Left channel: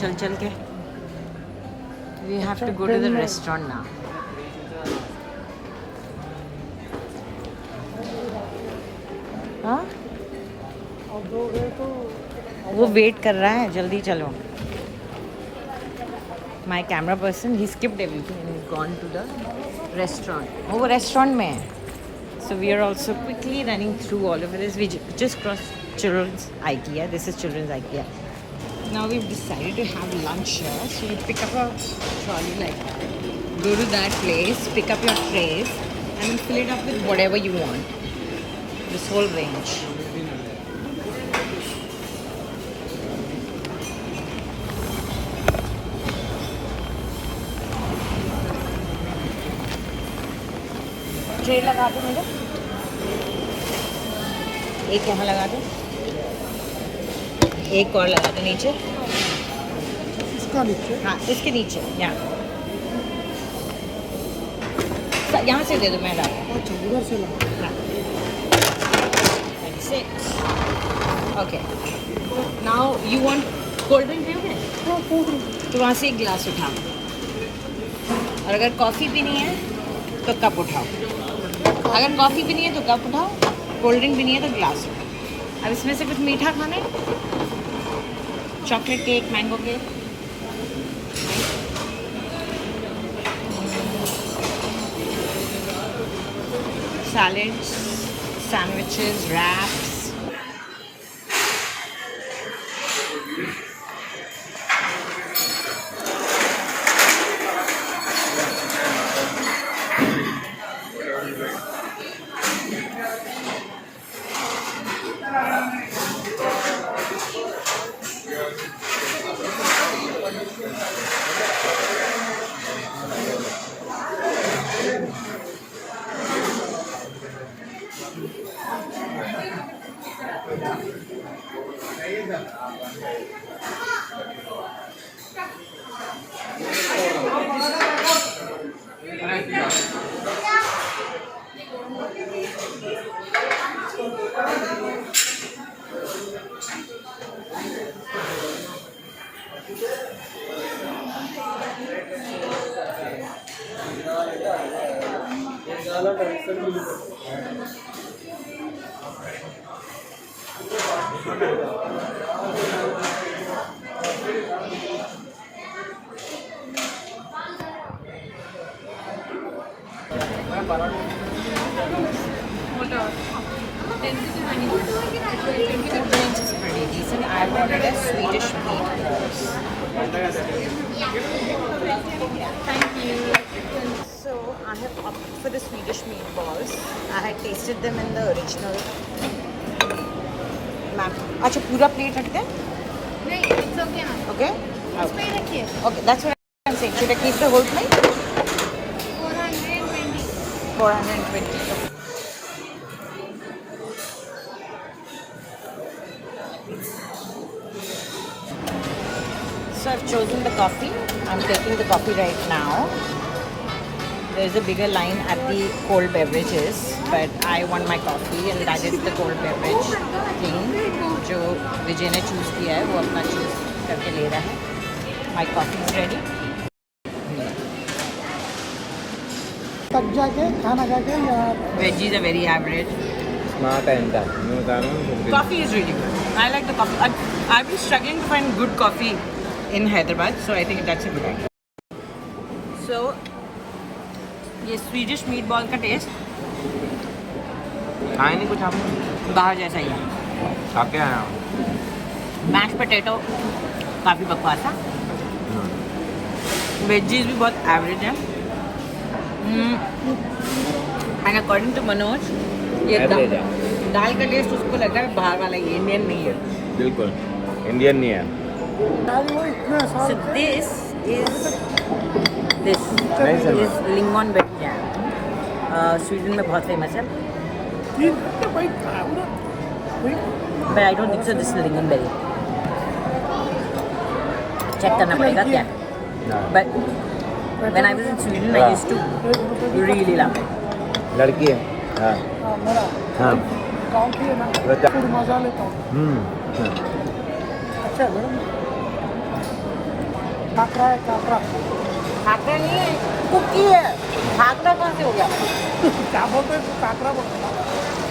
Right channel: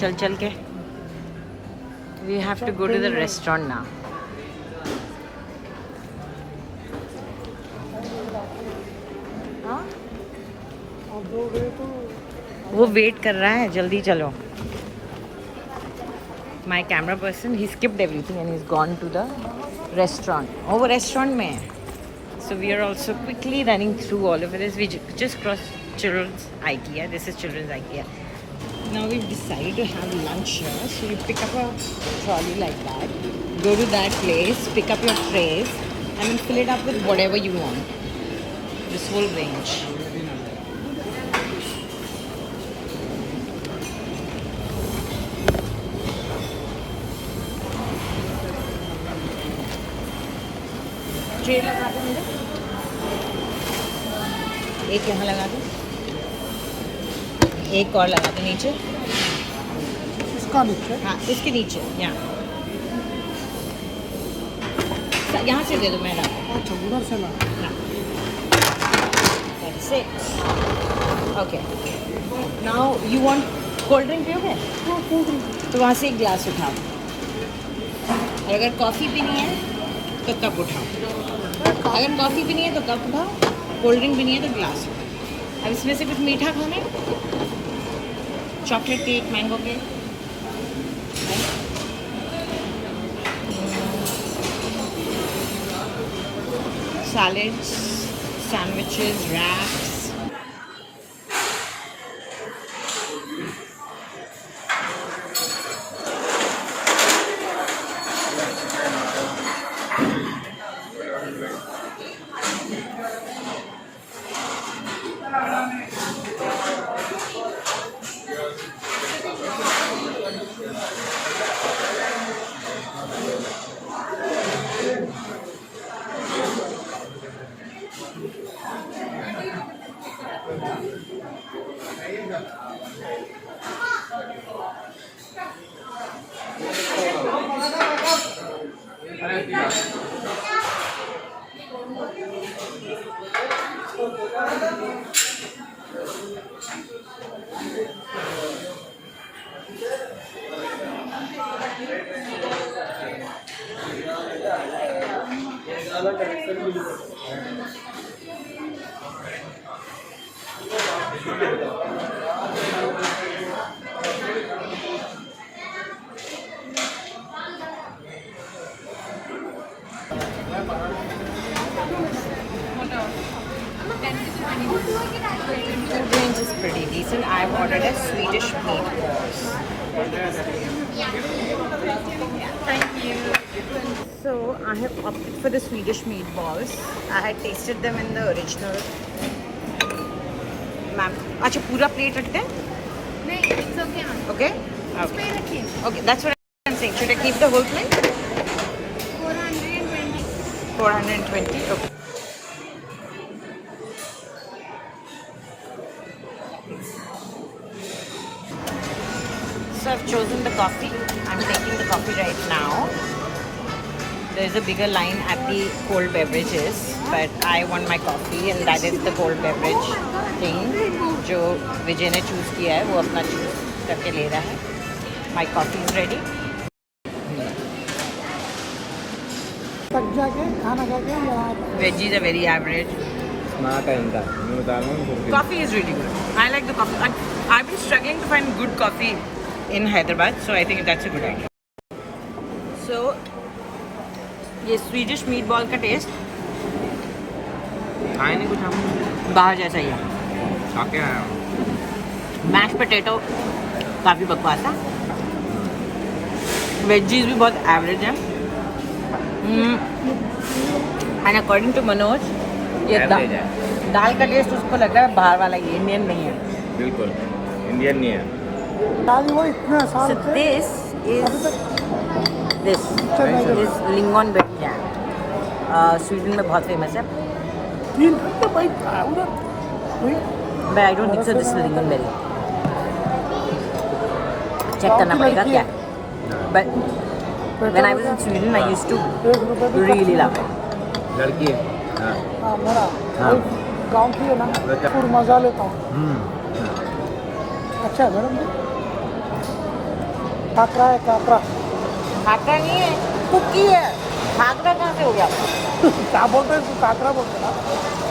चल चल के. We have to go to the restaurant now. हाँ? वो वेट कर रहा है, जल्दी चलो. My camera person, he skipped everything and he's gone to the restaurant. Oh, वो restaurant में है. So we are also quickly running through all of this. We just crossed children's Ikea. This is children's Ikea. Now we've decided to have lunch here. So you pick up a trolley like that, go to that place, pick up your trays, and then fill it up with whatever you want. This whole range. Tray लगा दो मेरे, एक यहाँ लगा दो, एक और लगा दो नीचे. इसका नीचे? हाँ, इसके नीचे. यहाँ से दे दो, मैं ला. अच्छा, उधर से ला. हाँ. That's it. Okay. Now you want cold drink पियोगे? हाँ, cold drink. तो वहाँ से एक ग्लास उठाओ. और अगर कॉफ़ी पीनी है तो कप उठाओ. अगर कॉफ़ी पीनी है तो कप उठाओ, कोल्ड ड्रिंक पीनी है तो ग्लास उठाओ. अब इसमें से कुछ मीठा खाना है? Chocolate cake, mango cake. Salads, sandwiches, wraps. Food range is pretty decent. I've ordered a Swedish meatballs. Yeah, thank you. So I have opted for the Swedish meatballs. I had tasted them in the original. Ma'am, अच्छा पूरा plate रखते हैं? नहीं, it's okay ma'am. Okay. Okay. Okay, that's what I'm saying. Should I keep the whole plate? 420. 420. Okay. So I've chosen the coffee. I'm taking the coffee right now. There's a bigger line at the cold beverages, but I want my coffee and that is the cold beverage thing जो विजय ने choose किया है वो अपना choose करके ले रहा है. My coffee is ready. Veggies are very average. Coffee is really good. I like the coffee. I've been struggling to find good coffee in Hyderabad, so I think that's a good idea. So, ये Swedish meatball का test खाए नहीं कुछ हम बाहर जैसा ही है. क्या मैश पोटैटो काफ़ी बकवास था. वेजीज भी बहुत एवरेज है. एंड अकॉर्डिंग टू मनोज ये दाल का टेस्ट उसको लग रहा है बाहर वाला, ये इंडियन नहीं है. बिल्कुल इंडियन नहीं है. So this is lingonberry jam. Sweden में बहुत फेमस है. But I don't think so. This is lingonberry. Check करना पड़ेगा क्या. But when I was in Sweden, I used to really love it. लड़की है. हाँ हाँ. मजा लेता हूँ. अच्छा है. खाकरा है खाकरा। खाकरा नहीं है, कुकी है। खाकरा कहाँ से हो गया? क्या बोलते हैं, खाकरा बोलते हैं।